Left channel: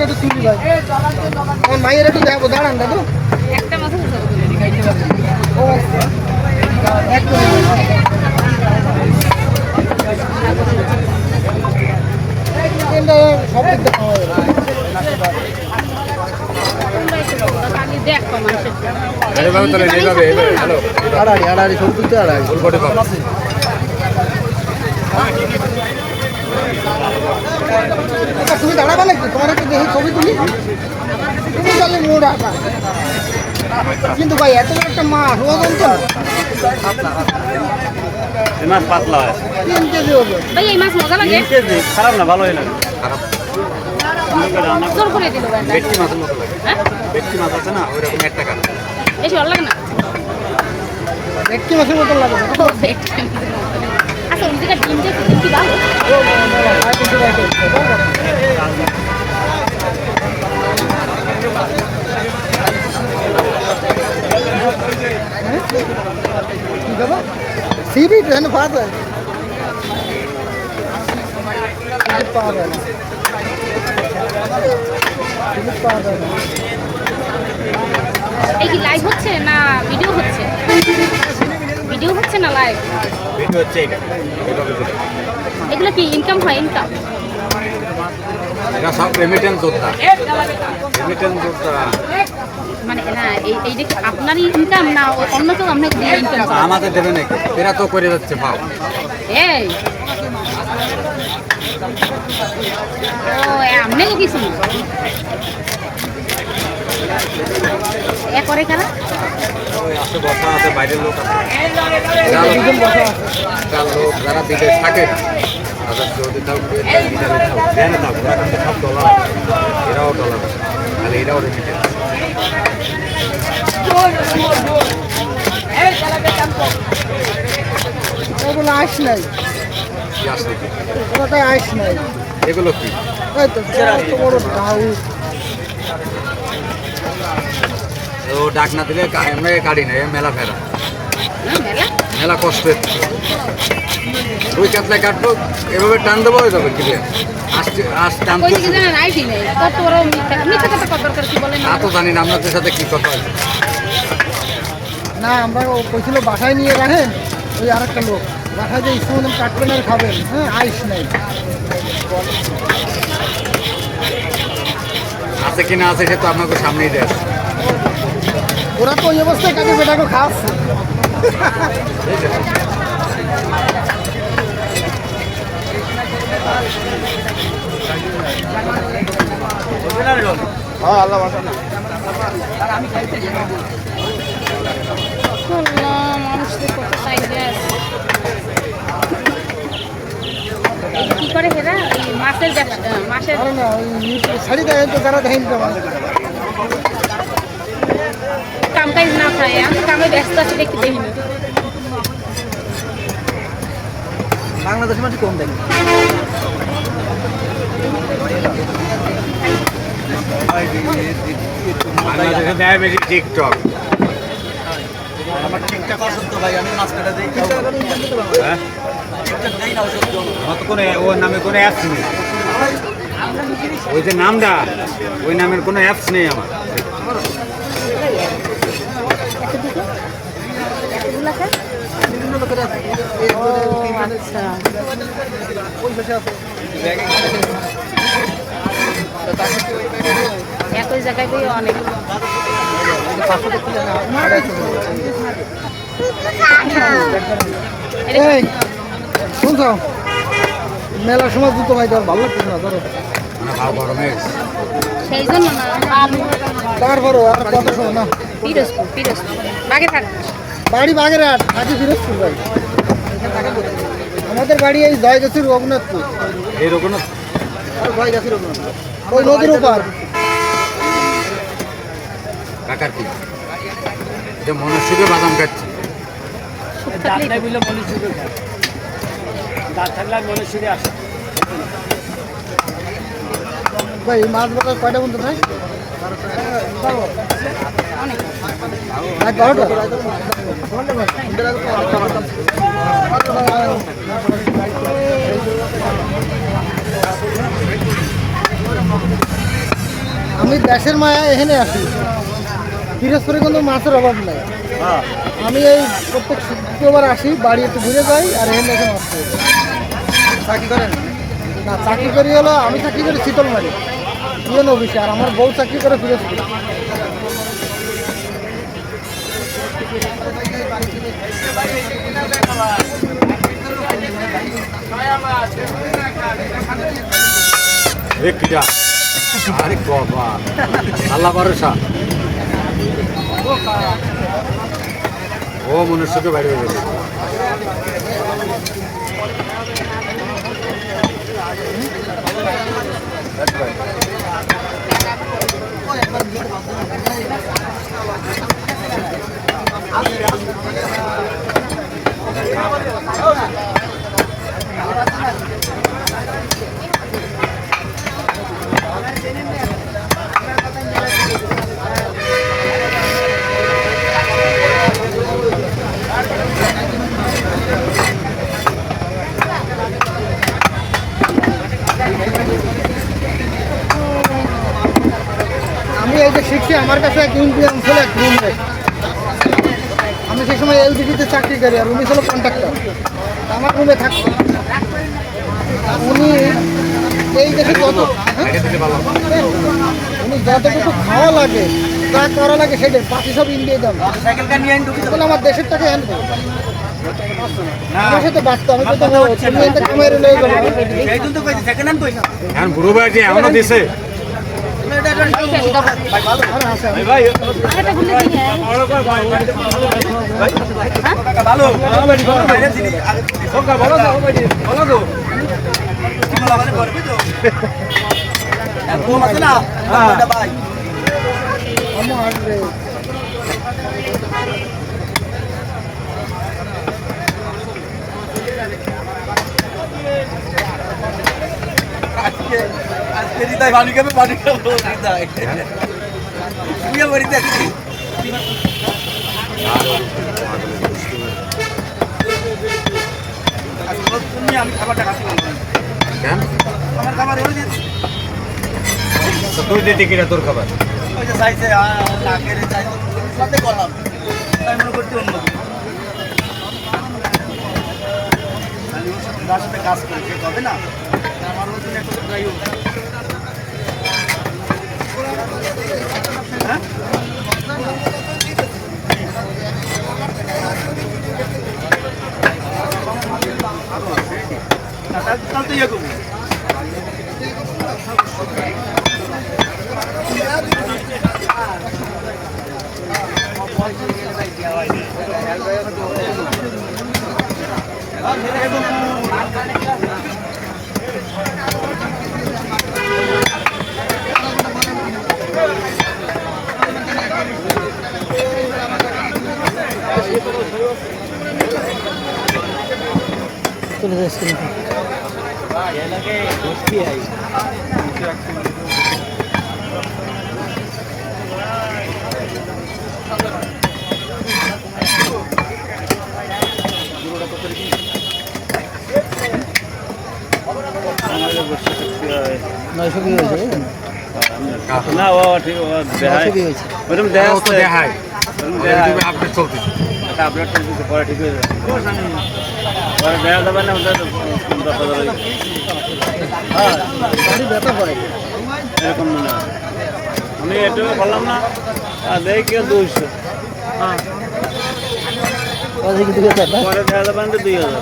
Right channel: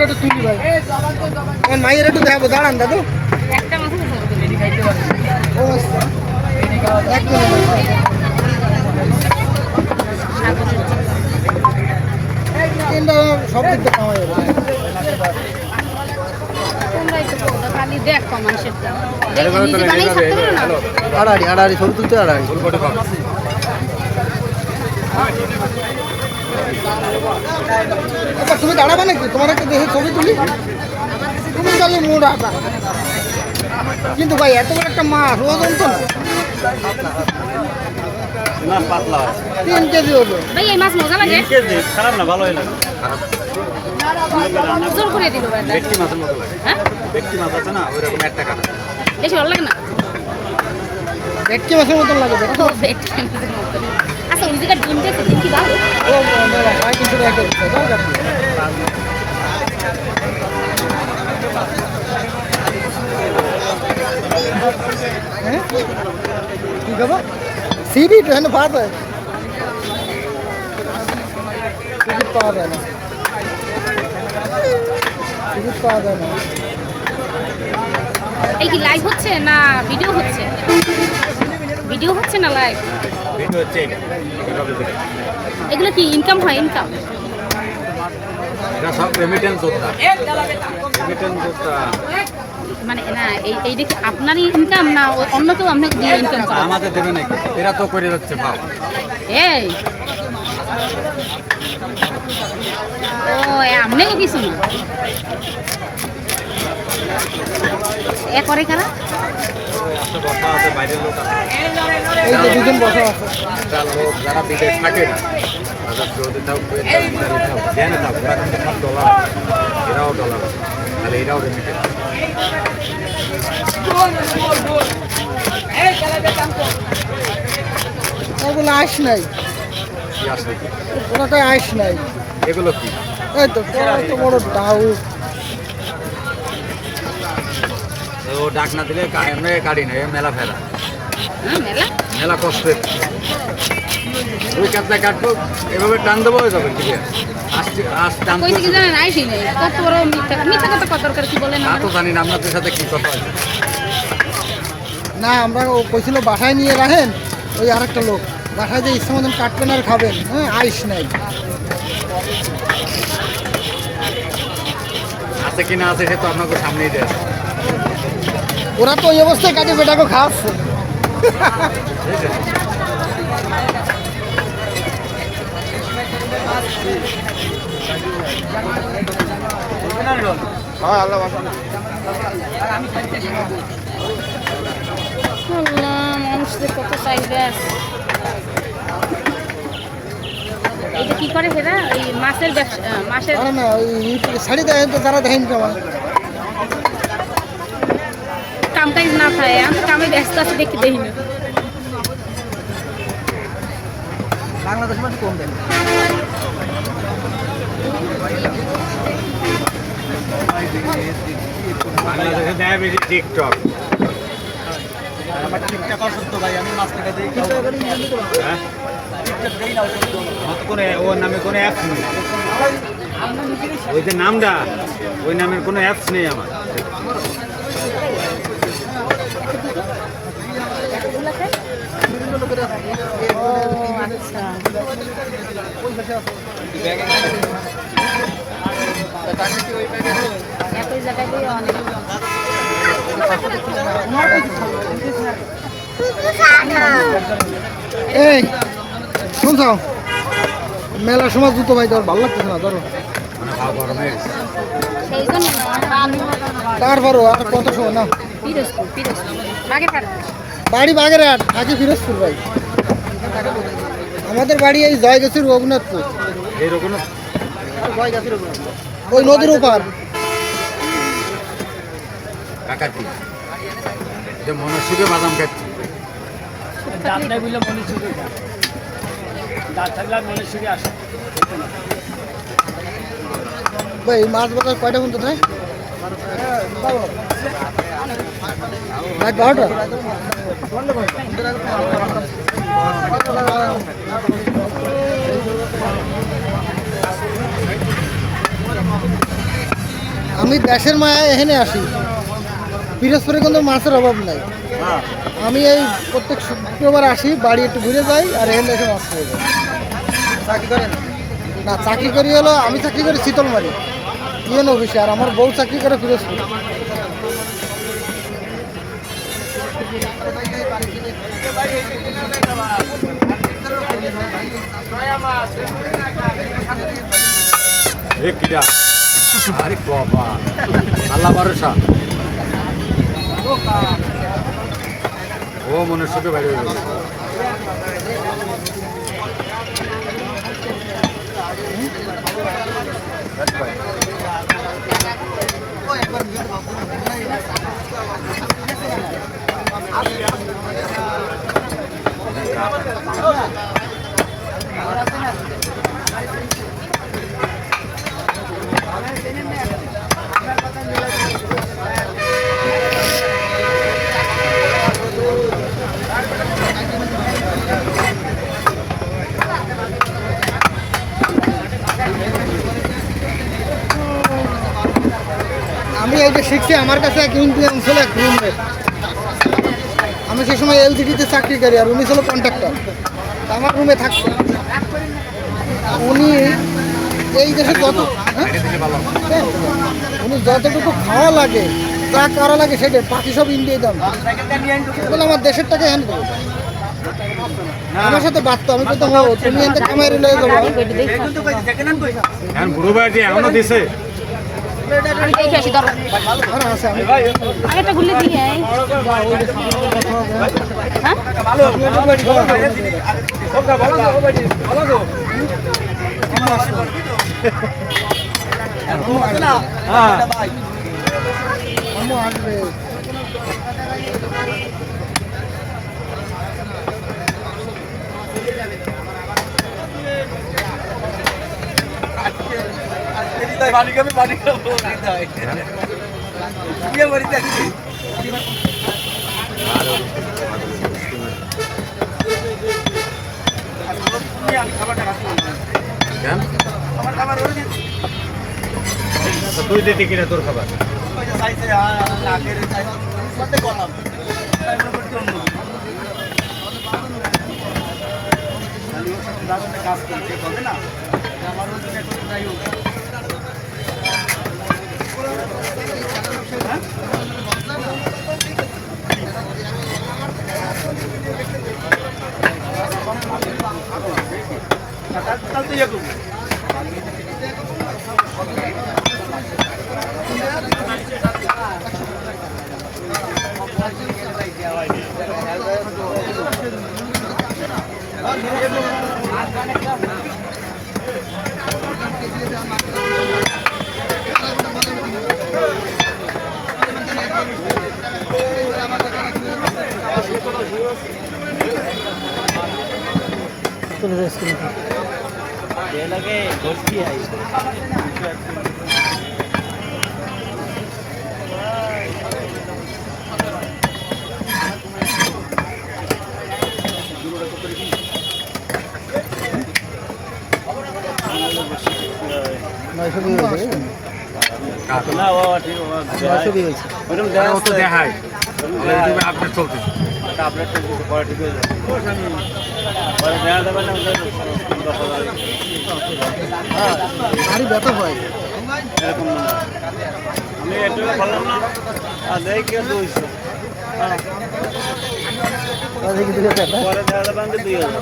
মাছটা একটু তুলি ভাই, আমার মায়ের একটু দেখাবো, দাঁড়ান দাদু। একটা মাছ ও আচ্ছা। একদম সব দিক দেখা হবে। দেখো মানুষেরটা আড়াই আড়াই ছবি তুলতে আড়াই তুমি দাঁড়াবা নাকি? তোমার একটা দেখি ছবি তুলি, তুমি তাহলে মোড় আঁকা। কিন্তু ভাই এত বড় একটা মাছ ওজন তো মাছ পাতলা হয় 3 কেজি হবে। ভাই এই মাছ মজা লাগে, 3 কেজি খারাপ না, ভালোই লাগে। খারাপ জোর করে দিল ভাই। ভেটকি মাছের মতো লাগে। হ্যাঁ ভেটকি মাছ আছে না, ওই রকম একটা কাটা। বেশি ভালো লাগে না। ভেটকি মাছের মতো লাগে। ও, ভেটকি মাছের মতো। আচ্ছা ওই জায়গায় ডিম দিয়ে কি ভালো? কি দেবো? সিবিট এখানে পাওয়া যায়? সিবিট পাওয়া যায় না, সিবিট পাওয়া যায় না। এই কি লাইভ হচ্ছে না ভিডিও হচ্ছে? ভিডিও হচ্ছে না লাইভ? ভিডিও হচ্ছে এটা, এইভাবে দিলে। এগুলো কি ইনকাম হয়? ইনকাম এটা সব রেমিটেন্স যোদ্ধা, রেমিটেন্স যোদ্ধা। মানে না এই দেখে আপনারই ইনকাম না অন্য কেউ আপনাকে দিয়ে ইনকাম করে? আমাদের দেবে নাকি? এরা তো করে যাচ্ছে ভাও। এই ও আমনেও কিছু না এ করে কেন? ওই আছে, বসা আছে, বাইরের লোক আছে। দুজন বসে আছে। একটা লোক যারা বিদেশ থাকে না, তাদের সৌদি থাক, কুয়েত থাক, ইতালি থাক, জেনে থাক, ওরা কিন্তু সব ডলার আছে, এরাও ডলার আছে, তাহলে এরাও রেমিটেন্স। এগুলো আইস নাই, কি আসলে কি? ওটা আইস নাই। এগুলো কি? এই তো এত বড় ঢাউ। ও ডাক না দিলে আমরা কাটি না, এ মেলা ফেরা, মেলা মেলা কষ্ট হচ্ছে। রুই কাতলায় কাটবো, এভাবে টান দেবো, হয়ে যাবে ক্লিয়ার। আসতে আসতে টানতে ওই যে আইসি নেই কত বড় মিথ্যা কথা কত দরকার কি বলেন? তা তো জানি না আপনাদের সাথে কি কথা আছে। না আমরা কইছিল বাসায় নিয়ে রাখেন, ওই আরেকটা লোক বাসায় যে ইচ্ছে মতন কাটবেন আর খাবেন। হ্যাঁ আইস নাই। আছে কি না আছে সে তো আপনাকে সামনেই দেয়। ওরা তো ওই অবস্থায় কাকে বেটাকে খাওয়াচ্ছে। হ্যাঁ আল্লাহ বাসা নেই। মানুষদের কত চাহিদা আছে। এটা কি করে হেরা? এই মাছের ব্যবসা, মাছের আরে না ওই শাড়ি দেখেন তো, যারা দেখেন কেমন কাম কাজ না খায়। আমি কামে ব্যস্ত আছি দেখতে দেখি না। বাংলাদেশের মাঝে কম দেখেন। বাংলাদেশে দেয় বেশি টিকটক। হ্যাঁ আমার তো কোনো ওর নামে কোনো অ্যাপস নেই, ওই যে নামটা ওই নামের কোনো অ্যাপস নেই আমার। একই জায়গায় অনেক এই শুনছ মেলার সময় জুতো ভাই দেওয়া ভালো লাগছে না ধরো, মানে ভাব গরমে সেই জন্য তারপরও আর কত সময় না। পিরোজপুর পিরোজপুর বাগেরহাট। বাড়ি বাগেরহাট, আগে ফিরোজপুর ভাই। আমাদের বাড়ি এই জয়গাছির রঘুনাথপুর। এই রকম জয়গাছির রঘুনাথপুর ওই নদীর ওপার। কাকার কি যে মনের সুখে বাদাম খাচ্ছি। ভাই মাছ বাজার কয়টা পর্যন্ত থাকে? রাত 12টা। আমি দেশের মায়া এখানে আসি। পিরোজপুরে কিন্তু মাছের অভাব নাই। আমি এই প্রত্যেক শুক্রবার আসি, বাড়ি একটু ঘুরে যাই আর এখানে এসে মাছ খাই। চাকরি করেন না? চাকরি করি হলো, আমি চাকরি করি শীতলমারি ইউএন অফিসে, আর আমার বউ চাকরি করে পিরোজপুরে। কিরা আরে বাবা আল্লাহ ভরসা। ও মনুষ্যকে বাইরে বেরোবে। আমি এই যে শিখছি, আমার কাছে এক ইন্ডিয়ান ছিল, এক রুমমেট। আমি সেই সময় এলজিডিতে চাকরি করি, আর উনি ছিল কন্ট্রাক্টর। আমার রুমে থাকতো। উনি এই দেশে উনি যতটুকু খাওয়া লাগে, যা করা লাগে সেটা বাকি সব ইন্ডিয়ায় দাম। বলে আমার দেশের টাকা হ্যান্ড দেবো। আমার সাথে বাঁচতো, আমি তো তুমি এতে কমের লয়ে যাবো। এখন বুড়ো ভাই যে এখনো দিছে একটা গুলি দিয়ে পানি খাবে পানি খাবো বাড়িতে আমি খাবারটা কেন তুই দিতে কিনা তোর খাবার ওই যে চাইছে না কেড়ে চাইছে সাথে করলাম মনে করতে অন্য যার সাথে কাজ করে সে হবে না চলে যায় স্কুলে। নয়শো বিয়ে হয়েছে, না ও ঠিক নয়শো বিয়ে হয়েছে। ও তো দেখায় ইউটিউবে আপডেট চলতেছে। আপলোড করতেছে পরে ঠিক হয়ে যাবে পরে দেওয়া যাবে না 10,000 বাড়ি ব্যথা হয়। এরকম মনে হয় আমি এটুকু বললাম না দেখি কেউ 200 কিন্তু পরে দেওয়া যাবে 2,000